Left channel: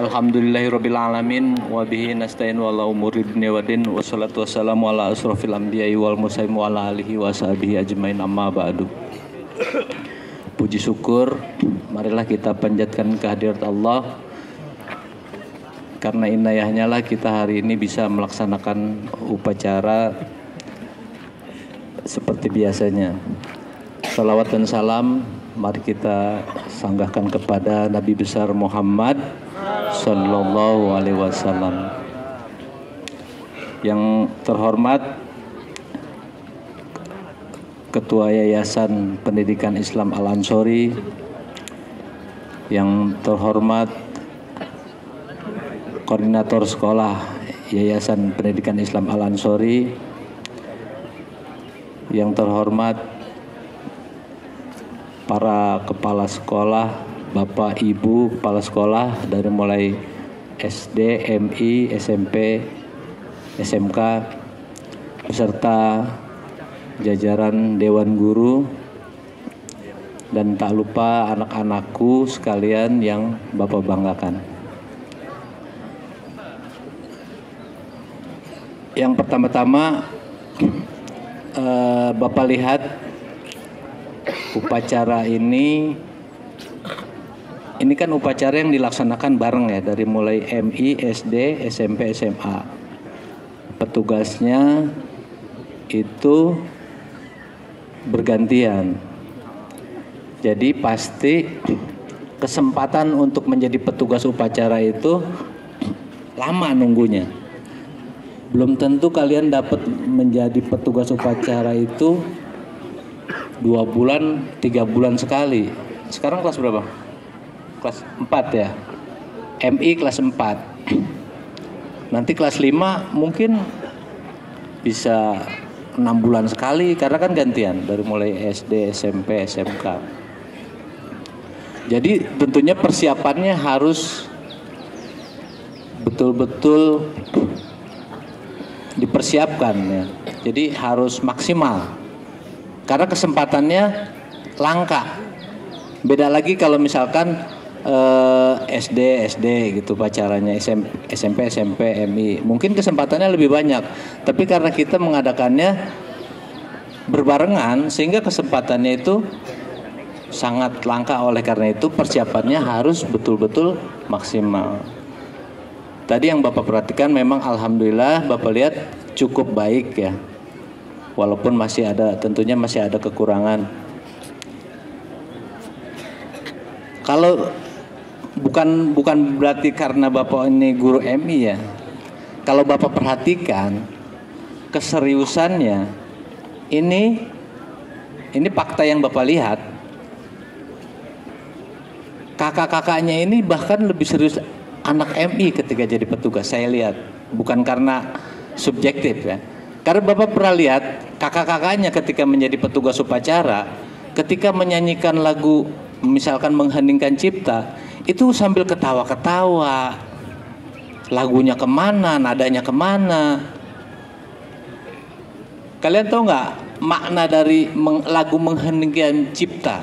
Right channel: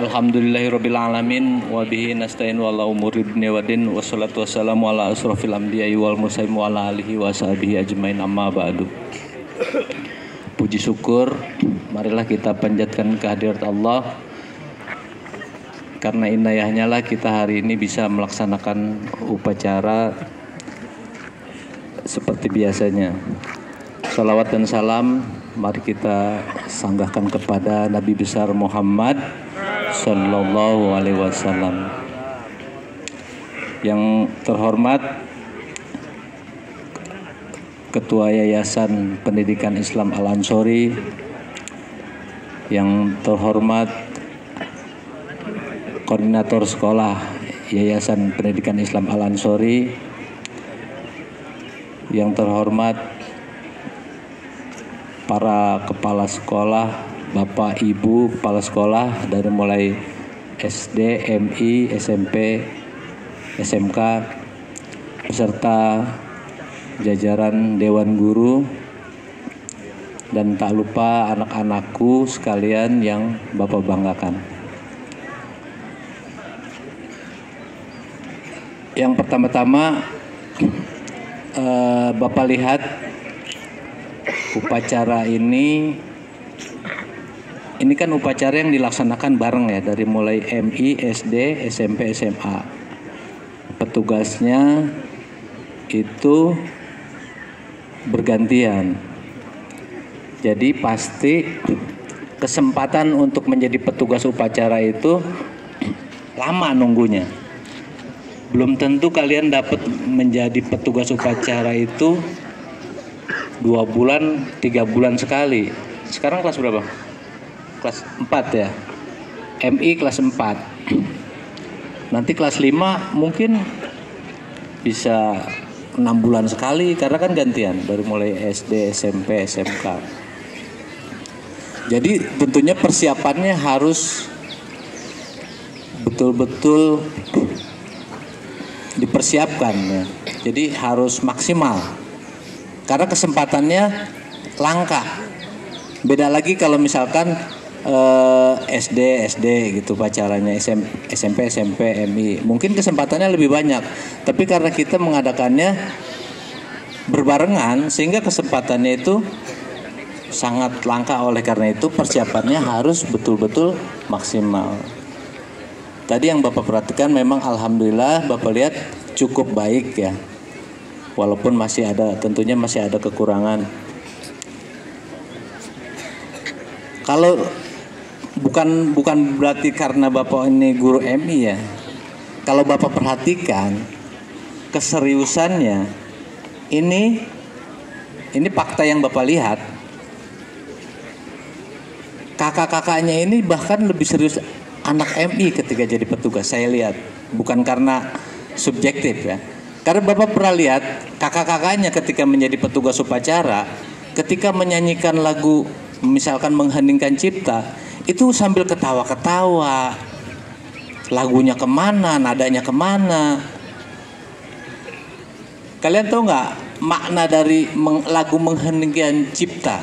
Alhamdulillahirabbil alamin wa bihi nasta'in wa ala umuri dunya waddin wassalatu wassalamu ala asrofil anbiya'i wal mursalin wa ala alihi wa sahbihi ajmain amma ba'du. Puji syukur marilah kita panjatkan kehadirat Allah, karena inayahnya lah kita hari ini bisa melaksanakan upacara seperti biasanya. Salawat dan salam mari kita sanggahkan kepada Nabi besar Muhammad Sallallahu Alaihi Wasallam. Yang terhormat Ketua Yayasan Pendidikan Islam Al-Ansori, yang terhormat Koordinator Sekolah Yayasan Pendidikan Islam Al-Ansori, yang terhormat para kepala sekolah, Bapak Ibu kepala sekolah dari mulai SD, MI, SMP, SMK, beserta jajaran Dewan Guru, dan tak lupa anak-anakku sekalian yang Bapak banggakan. Yang pertama-tama Bapak lihat upacara ini kan upacara yang dilaksanakan bareng ya, dari mulai MI, SD, SMP, SMA. Petugasnya itu bergantian. Jadi pasti kesempatan untuk menjadi petugas upacara itu lama nunggunya. Belum tentu kalian dapat menjadi petugas upacara itu 2 bulan, 3 bulan sekali. Sekarang kelas berapa? Kelas 4 ya. MI kelas 4. Nanti kelas 5 mungkin bisa 6 bulan sekali, karena kan gantian dari mulai SD, SMP, SMK. Jadi tentunya persiapannya harus betul-betul dipersiapkan ya. Jadi harus maksimal, karena kesempatannya langka. Beda lagi kalau misalkan SD gitu pacarannya, SMP, MI, mungkin kesempatannya lebih banyak. Tapi karena kita mengadakannya berbarengan, sehingga kesempatannya itu sangat langka. Oleh karena itu persiapannya harus betul-betul maksimal. Tadi yang Bapak perhatikan memang alhamdulillah Bapak lihat cukup baik ya. Walaupun tentunya masih ada kekurangan. Kalau bukan berarti karena Bapak ini guru MI ya. Kalau Bapak perhatikan keseriusannya, ini fakta yang Bapak lihat. Kakak-kakaknya ini bahkan lebih serius anak MI ketika jadi petugas, saya lihat. Bukan karena subjektif ya. Karena Bapak pernah lihat kakak-kakaknya ketika menjadi petugas upacara, ketika menyanyikan lagu misalkan Mengheningkan Cipta, itu sambil ketawa-ketawa. Lagunya kemana, nadanya kemana. Kalian tahu nggak makna dari lagu Mengheningkan Cipta?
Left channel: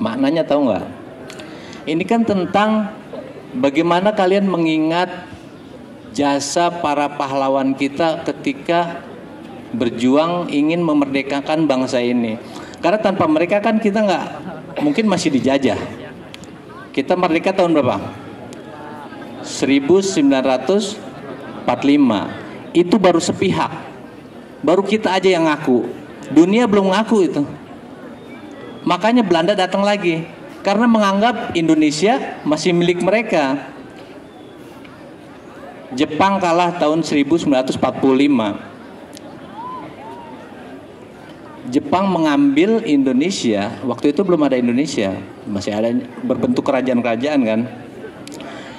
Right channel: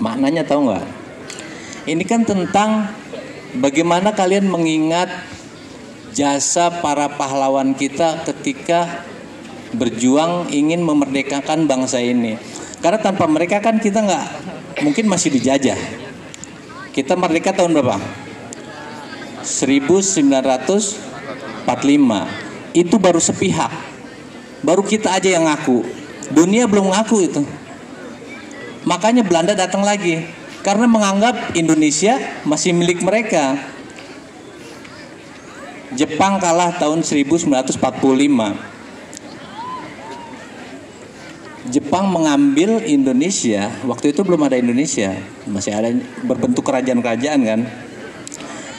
Maknanya tahu nggak? Ini kan tentang bagaimana kalian mengingat jasa para pahlawan kita ketika berjuang ingin memerdekakan bangsa ini. Karena tanpa mereka kan kita nggak, mungkin masih dijajah. Kita merdeka tahun berapa? 1945. Itu baru sepihak. Baru kita aja yang ngaku. Dunia belum ngaku itu. Makanya Belanda datang lagi, karena menganggap Indonesia masih milik mereka. Jepang kalah tahun 1945. Jepang mengambil Indonesia, waktu itu belum ada Indonesia, masih ada berbentuk kerajaan-kerajaan kan.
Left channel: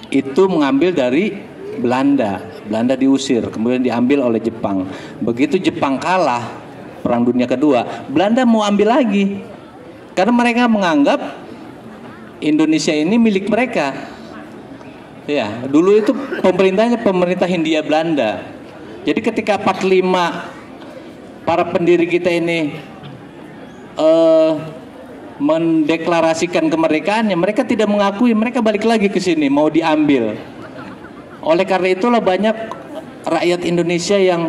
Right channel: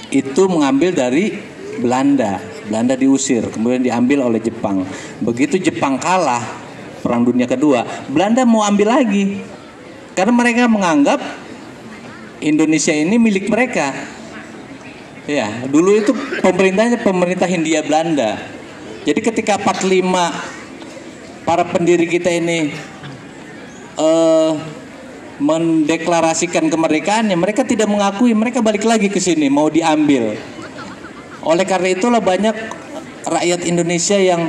Itu mengambil dari Belanda. Belanda diusir, kemudian diambil oleh Jepang. Begitu Jepang kalah Perang Dunia Kedua, Belanda mau ambil lagi. Karena mereka menganggap Indonesia ini milik mereka. Ya, dulu itu pemerintahnya pemerintah Hindia Belanda. Jadi ketika 45 para pendiri kita ini mendeklarasikan kemerdekaannya, mereka tidak mengakui, mereka balik lagi ke sini mau diambil. Oleh karena itulah banyak rakyat Indonesia yang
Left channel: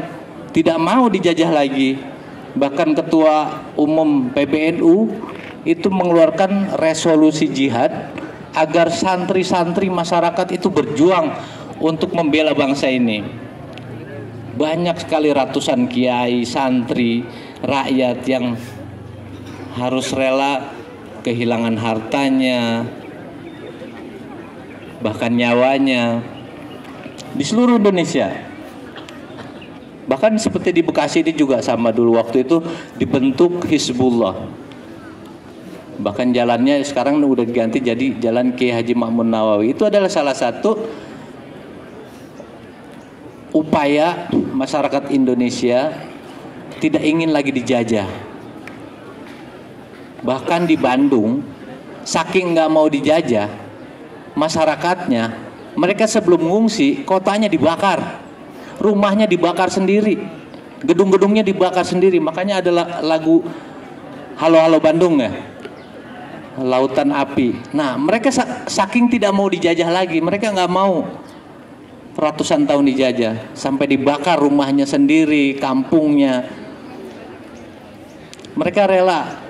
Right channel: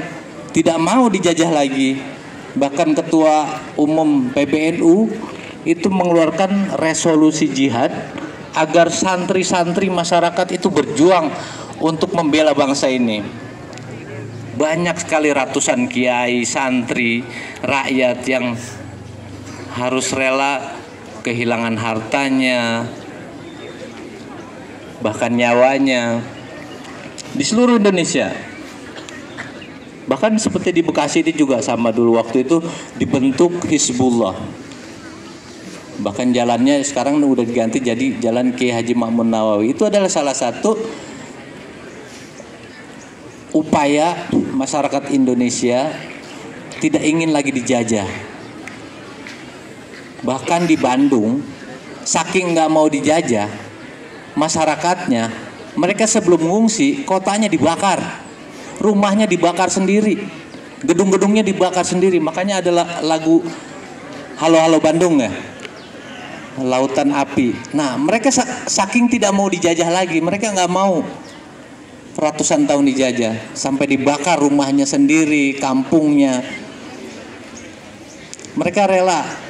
tidak mau dijajah lagi. Bahkan Ketua Umum PBNU itu mengeluarkan resolusi jihad agar santri-santri masyarakat itu berjuang untuk membela bangsa ini. Banyak sekali ratusan kiai, santri, rakyat yang harus rela kehilangan hartanya, bahkan nyawanya di seluruh Indonesia. Bahkan seperti di Bekasi ini juga sama, dulu waktu itu dibentuk Hizbullah. Bahkan jalannya sekarang udah diganti jadi Jalan Kiai Haji Ma'mun Nawawi. Itu adalah salah satu upaya masyarakat Indonesia tidak ingin lagi dijajah. Bahkan di Bandung, saking nggak mau dijajah, masyarakatnya, mereka sebelum mengungsi, kotanya dibakar, rumahnya dibakar sendiri, gedung-gedungnya dibakar sendiri. Makanya ada lagu Halo Halo Bandung ya, Lautan Api. Nah, mereka saking tidak mau dijajah lagi, mereka nggak mau ratusan tahun dijajah, sampai dibakar rumahnya sendiri, kampungnya. Mereka rela.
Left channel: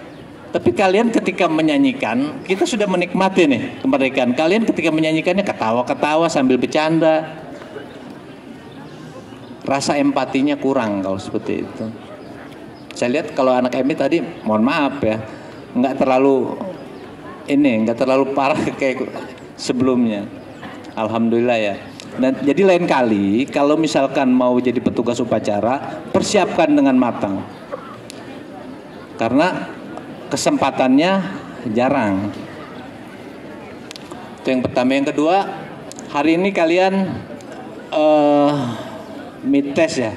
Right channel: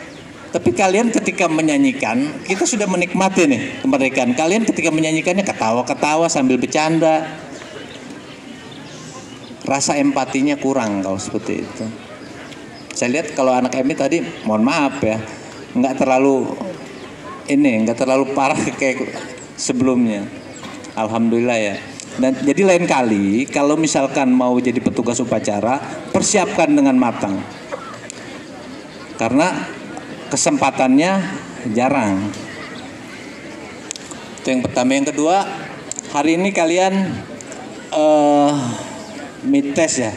Tapi kalian ketika menyanyikan, kita sudah menikmati nih kemerdekaan. Kalian ketika menyanyikannya ketawa-ketawa sambil bercanda. Rasa empatinya kurang kalau seperti itu. Saya lihat kalau anak Emi tadi, mohon maaf ya, nggak terlalu parah kayak sebelumnya. Alhamdulillah ya. Dan jadi lain kali kalau misalkan mau jadi petugas upacara, persiapkan dengan matang. Karena kesempatannya jarang. Itu yang pertama. Yang kedua, hari ini kalian mites ya.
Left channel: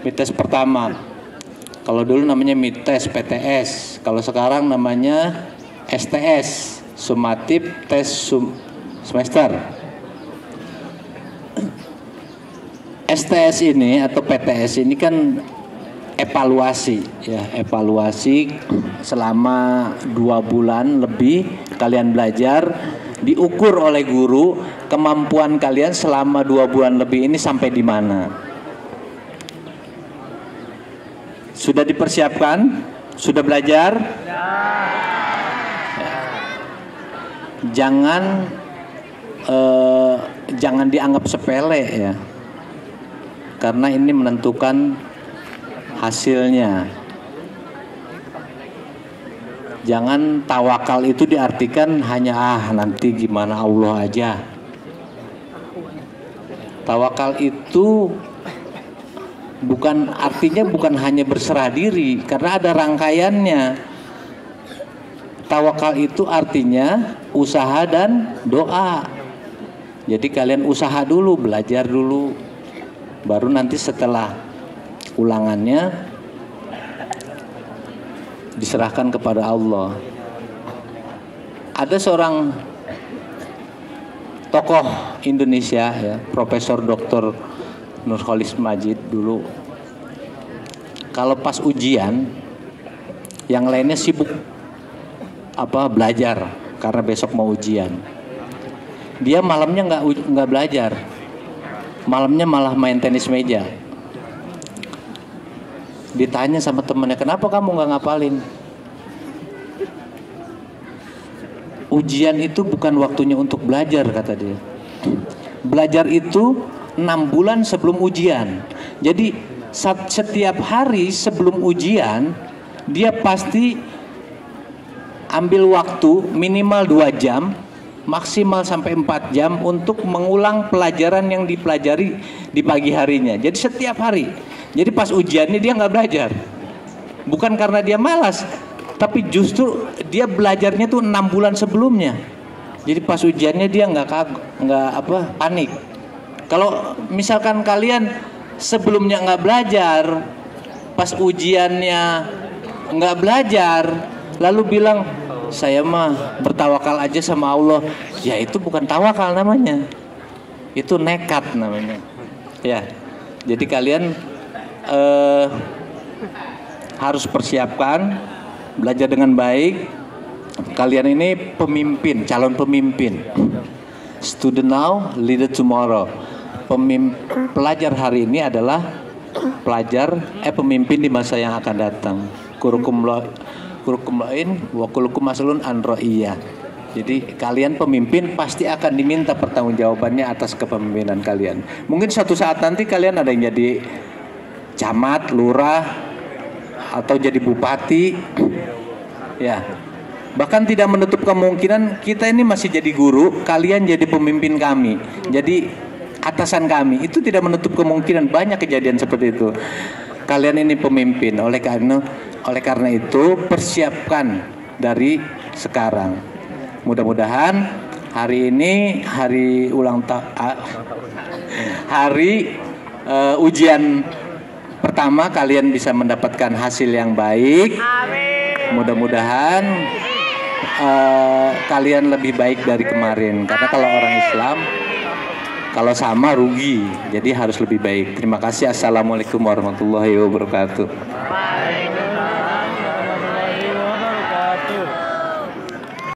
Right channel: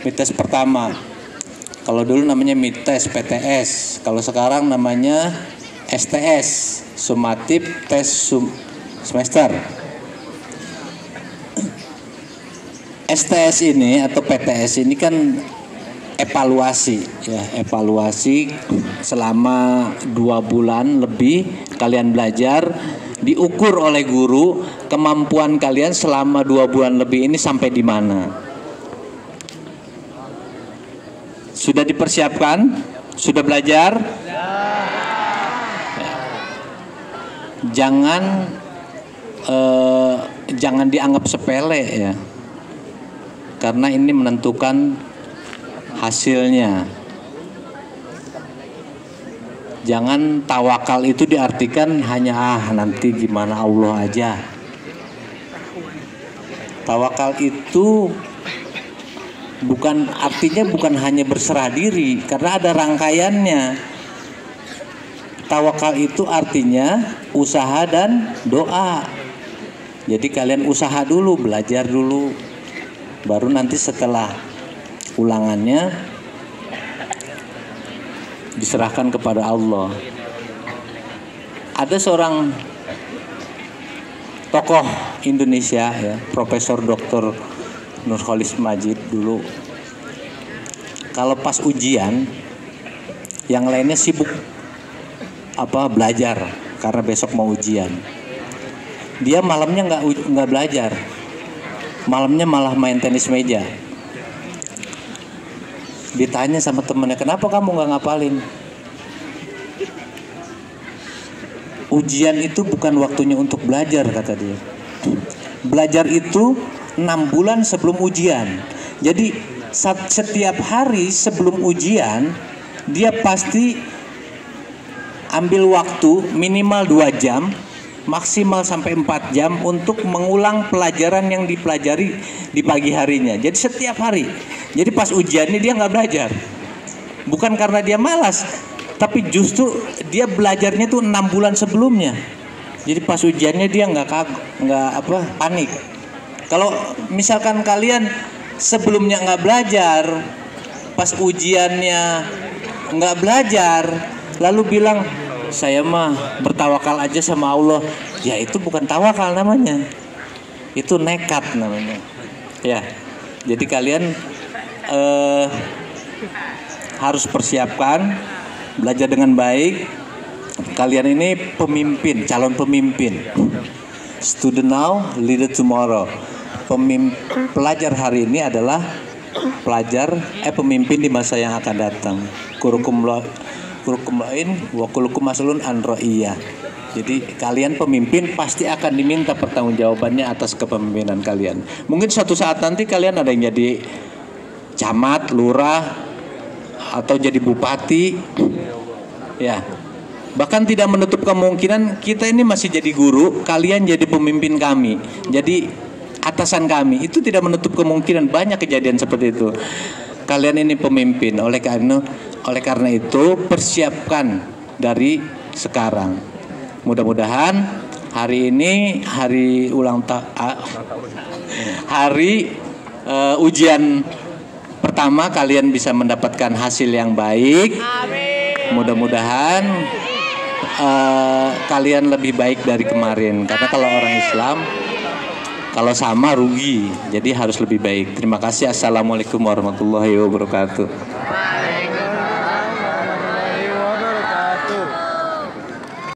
Mites pertama. Kalau dulu namanya mites PTS, kalau sekarang namanya STS, Sumatif Tes Semester. STS ini atau PTS ini kan evaluasi ya, evaluasi selama 2 bulan lebih kalian belajar, diukur oleh guru kemampuan kalian selama 2 bulan lebih ini sampai di mana. Sudah dipersiapkan? Sudah belajar? Jangan dianggap sepele ya, karena ini menentukan hasilnya. Jangan tawakal itu diartikan hanya nanti gimana Allah aja. Tawakal itu artinya bukan hanya berserah diri, karena ada rangkaiannya. Tawakal itu artinya usaha dan doa. Jadi kalian usaha dulu, belajar dulu, baru nanti setelah ulangannya diserahkan kepada Allah. Ada seorang tokoh Indonesia ya, Profesor Dr. Nurholis Majid dulu. Kalau pas ujian, yang lainnya sibuk belajar karena besok mau ujian. Dia malamnya nggak belajar, malamnya malah main tenis meja. Ditanya sama temennya, kenapa kamu nggak ngapalin? Ujian itu bukan waktunya untuk belajar, kata dia. Belajar itu 6 bulan sebelum ujian. Jadi setiap hari sebelum ujian dia pasti ambil waktu minimal 2 jam, maksimal sampai 4 jam untuk mengulang pelajaran yang dipelajari di pagi harinya. Jadi setiap hari. Jadi pas ujiannya dia nggak belajar. Bukan karena dia malas, tapi justru dia belajarnya tuh 6 bulan sebelumnya. Jadi pas ujiannya dia nggak panik. Kalau misalkan kalian sebelumnya nggak belajar, pas ujiannya nggak belajar, lalu bilang saya mah bertawakal aja sama Allah, ya itu bukan tawakal namanya, itu nekat namanya. Ya, jadi kalian harus persiapkan, belajar dengan baik, kalian ini pemimpin, calon pemimpin. Student now, leader tomorrow. Pelajar hari ini adalah pemimpin di masa yang akan datang. Kurukum lain wa kulukum maslun an ra'iyah. Jadi kalian pemimpin pasti akan diminta pertanggungjawabannya atas kepemimpinan kalian. Mungkin suatu saat nanti kalian ada yang jadi camat, lurah, atau jadi bupati. Ya. Bahkan tidak menutup kemungkinan kita ini masih jadi guru, kalian jadi pemimpin kami, jadi atasan kami. Itu tidak menutup kemungkinan, banyak kejadian seperti itu. Kalian ini pemimpin, oleh karena itu persiapkan dari sekarang. Mudah-mudahan hari ini hari ujian pertama kalian bisa mendapatkan hasil yang baik. Mudah-mudahan kalian lebih baik dari kemarin, karena kalau orang Islam kalau sama rugi, jadi harus lebih baik. Terima kasih. Assalamualaikum warahmatullahi wabarakatuh.